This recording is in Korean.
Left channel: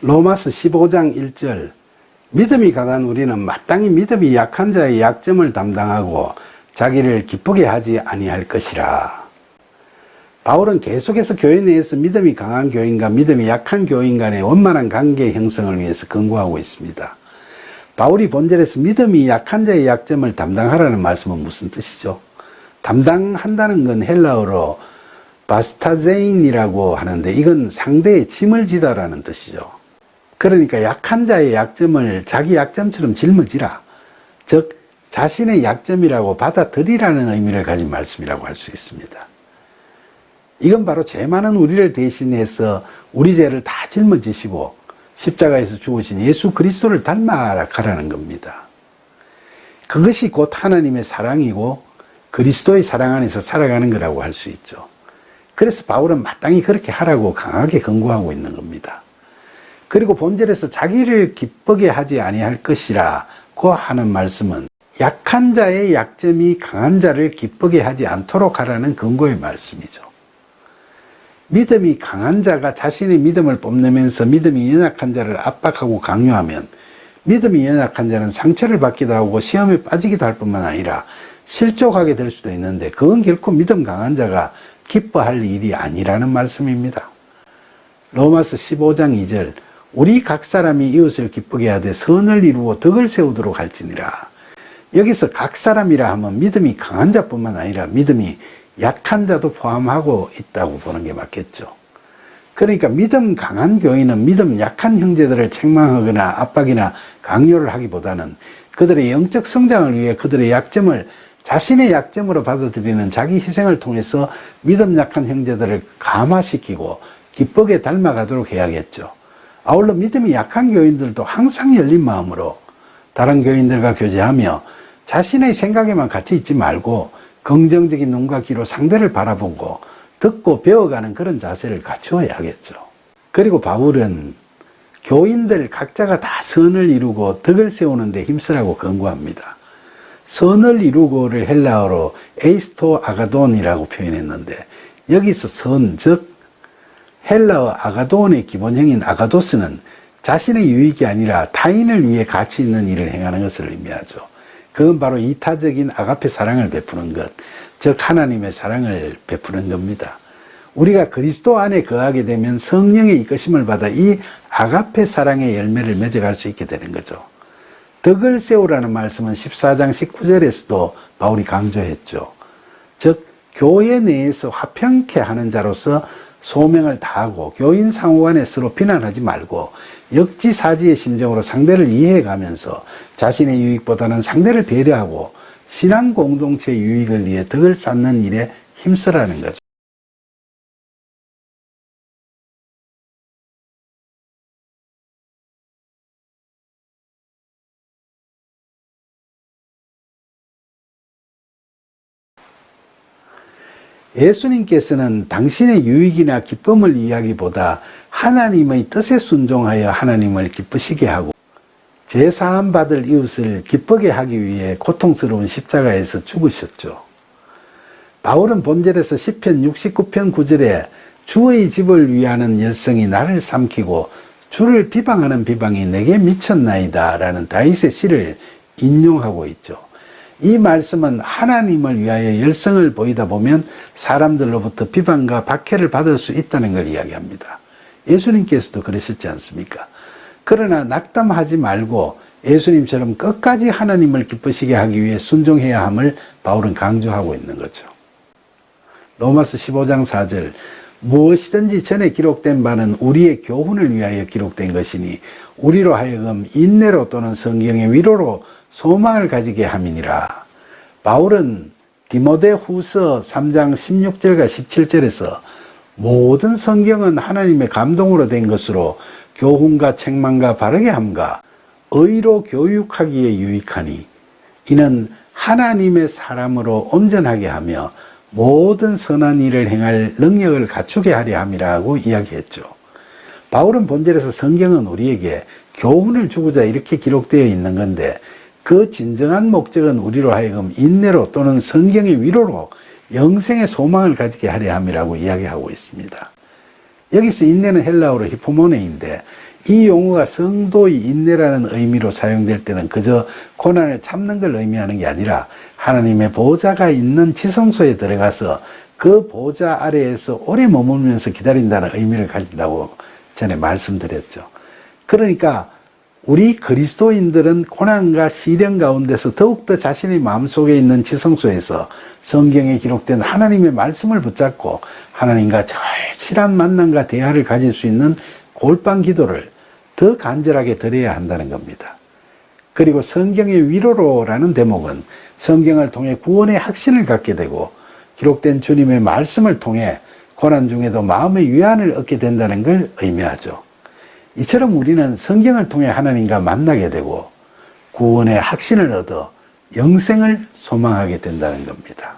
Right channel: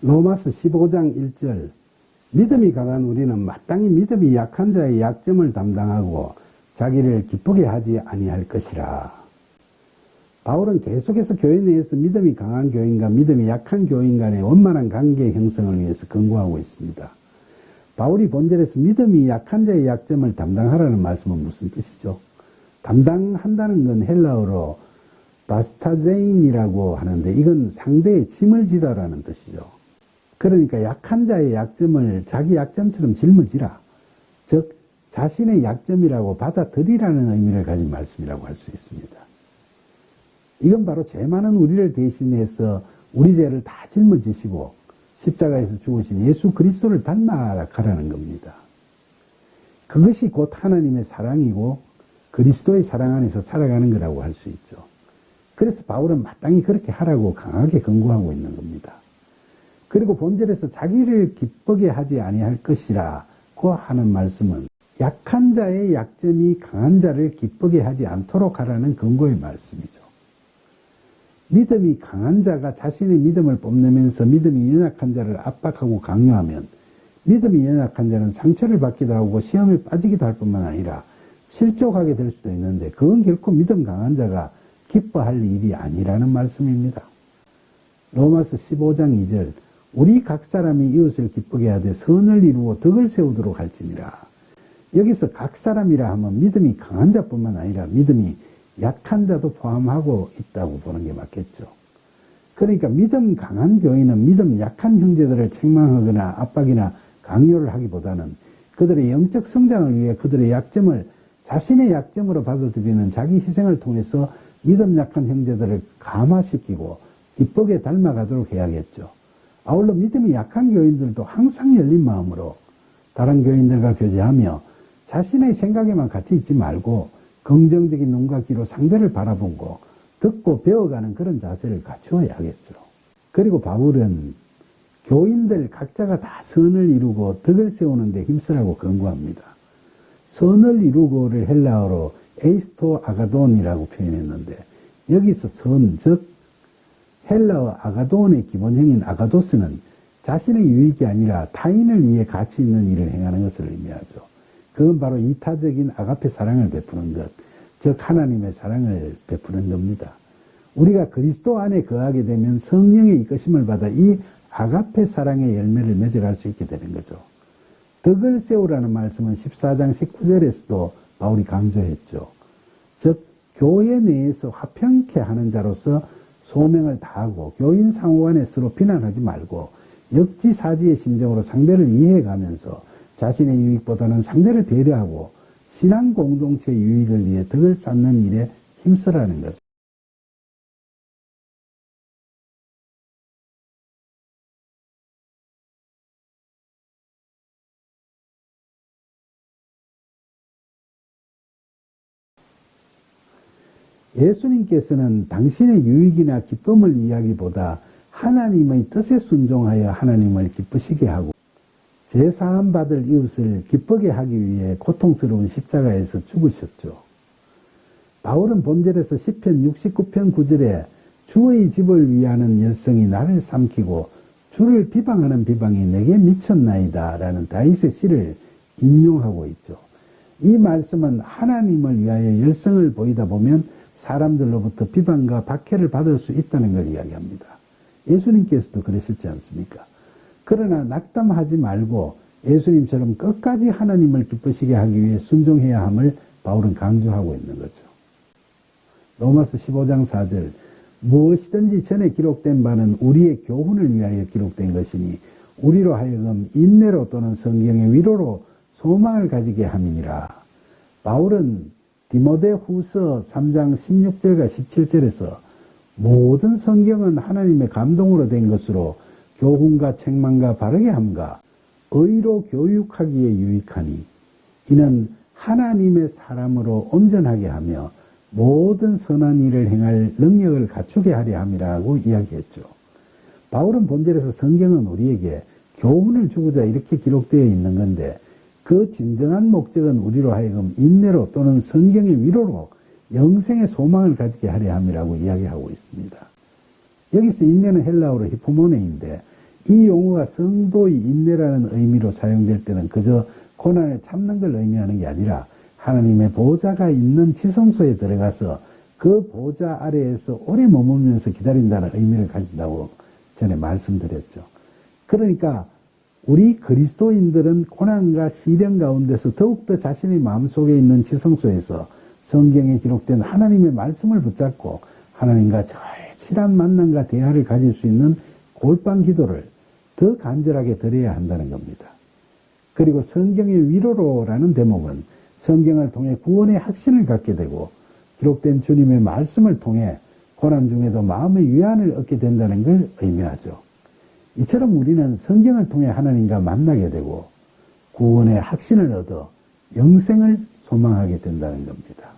로마서 15장 1절 믿음이 강한 우리는 마땅히 믿음이 약한 자의 약점을 담당하고 자기를 기쁘게 하지 아니할 것이라. 바울은 계속해서 교회 내에서 믿음이 강한 교인과 믿음이 약한 교인 간의 원만한 관계 형성을 위해서 권고하고 있습니다. 바울이 본절에서 믿음이 약한 자의 약점을 담당하라는 말씀은 무슨 뜻이죠? 담당한다는 건 헬라어로 바스타제인이라고 하는데 이건 상대의 짐을 지다라는 뜻이죠. 그러니까 약한 자의 약점을 자기 약점처럼 짊어지라. 즉 자신의 약점이라고 받아들이라는 의미를 가진 말씀이라고 할 수 있습니다. 이건 바로 죄 많은 우리를 대신해서 우리 죄를 다 짊어지시고 십자가에서 죽으신 예수 그리스도를 닮아가라는 겁니다. 그것이 곧 하나님의 사랑이고 그리스도의 사랑 안에서 살아가는 거라고 할 수 있죠. 그래서 바울은 마땅히 그렇게 하라고 강하게 권고하고 있는 겁니다. 그리고 본절에서 자기를 기쁘게 하지 아니할 것이라고 하는 말씀은 약한 자의 약점이 강한 자를 기쁘게 하지 않도록 하라는 권고의 말씀이죠. 믿음이 강한 자가 자신의 믿음을 뽐내면서 믿음이 연약한 자를 압박하고 강요하면 믿음이 연약한 자는 상처를 받기도 하고 시험에 빠지기도 할 뿐만 아니라 실족하게 될 수도 있는데 그건 결코 믿음 강한 자가 기뻐할 일이 아니라는 말씀입니다. 로마서 15장 2절 우리 각 사람이 이웃을 기쁘게 하되 선을 이루어 덕을 세우도록 할지니라. 여기서 각 사람이라 하면 믿음이 강한 자뿐만 아니라 믿음이 약한 자도 포함하고 있다고 보는 게 맞겠죠. 그러니까 믿음 강한 교인은 믿음 약한 형제들을 책망하거나 압박이나 강요를 하기보다는 그들의 영적 성장을 위해 그들의 약점을 자신의 약점으로 받아들이는 자기 희생을 통해서 믿음 약한 형제들을 감화시키고 기쁘게 닮아가도록 해야겠죠. 아울러 믿음이 약한 교인들도 항상 열린 마음으로 다른 교인들과 교제하며 자신의 생각에만 갇혀 있지 말고 긍정적인 눈과 귀로 상대를 바라보고 듣고 배워가는 그런 자세를 갖추어야 하겠죠. 그리고 바울은 교인들 각자가 다 선을 이루고 덕을 세우는 데 힘쓰라고 권고합니다. 선을 이루고를 헬라어로 에이스토 아가돈이라고 표현했는데 여기서 선, 즉 헬라어 아가돈의 기본형인 아가도스는 자신의 유익이 아니라 타인을 위해 가치 있는 일을 행하는 것을 의미하죠. 그건 바로 이타적인 아가페 사랑을 베푸는 것, 즉 하나님의 사랑을 베푸는 겁니다. 우리가 그리스도 안에 거하게 되면 성령의 이끄심을 받아 이 아가페 사랑의 열매를 맺어갈 수 있게 되는 거죠. 덕을 세우라는 말씀은 14장 19절에서도 바울이 강조했죠. 즉 교회 내에서 화평케 하는 자로서 소명을 다하고 교인 상호간에 서로 비난하지 말고 역지사지의 심정으로 상대를 이해해가면서 자신의 유익보다는 상대를 배려하고 신앙 공동체 유익을 위해 덕을 쌓는 일에 힘쓰라는 거죠. 예수님께서는 당신의 유익이나 기쁨을 이야기보다 하나님의 뜻에 순종하여 하나님을 기쁘시게 하고 제사함 받을 이웃을 기쁘게 하기 위해 고통스러운 십자가에서 죽으셨죠. 바울은 본절에서 시편 69편 9절에 주의 집을 위하는 열성이 나를 삼키고 주를 비방하는 비방이 내게 미쳤나이다 라는 다윗의 시를 인용하고 있죠. 이 말씀은 하나님을 위하여 열성을 보이다 보면 사람들로부터 비방과 박해를 받을 수 있다는 걸 이야기합니다. 예수님께서도 그러셨지 않습니까? 그러나 낙담하지 말고 예수님처럼 끝까지 하나님을 기쁘시게 하기 위해 순종해야 함을 바울은 강조하고 있는 거죠. 로마서 15장 4절 무엇이든지 전에 기록된 바는 우리의 교훈을 위하여 기록된 것이니 우리로 하여금 인내로 또는 성경의 위로로 소망을 가지게 함이니라. 바울은 디모데 후서 3장 16절과 17절에서 모든 성경은 하나님의 감동으로 된 것으로 교훈과 책망과 바르게 함과 의로 교육하기에 유익하니 이는 하나님의 사람으로 온전하게 하며 모든 선한 일을 행할 능력을 갖추게 하려 함이라고 이야기했죠. 바울은 본절에서 성경은 우리에게 교훈을 주고자 이렇게 기록되어 있는 건데 그 진정한 목적은 우리로 하여금 인내로 또는 성경의 위로로 영생의 소망을 가지게 하려 함이라고 이야기하고 있습니다. 여기서 인내는 헬라어로 히포모네인데 이 용어가 성도의 인내라는 의미로 사용될 때는 그저 고난을 참는 걸 의미하는 게 아니라 하나님의 보좌가 있는 지성소에 들어가서 그 보좌 아래에서 오래 머물면서 기다린다는 의미를 가진다고 전에 말씀드렸죠. 그러니까 우리 그리스도인들은 고난과 시련 가운데서 더욱더 자신의 마음속에 있는 지성소에서 성경에 기록된 하나님의 말씀을 붙잡고 하나님과 절실한 만남과 대화를 가질 수 있는 골방 기도를 더 간절하게 드려야 한다는 겁니다. 그리고 성경의 위로로라는 대목은 성경을 통해 구원의 확신을 갖게 되고 기록된 주님의 말씀을 통해 고난 중에도 마음의 위안을 얻게 된다는 걸 의미하죠. 이처럼 우리는 성경을 통해 하나님과 만나게 되고 구원의 확신을 얻어 영생을 소망하게 된다는 겁니다.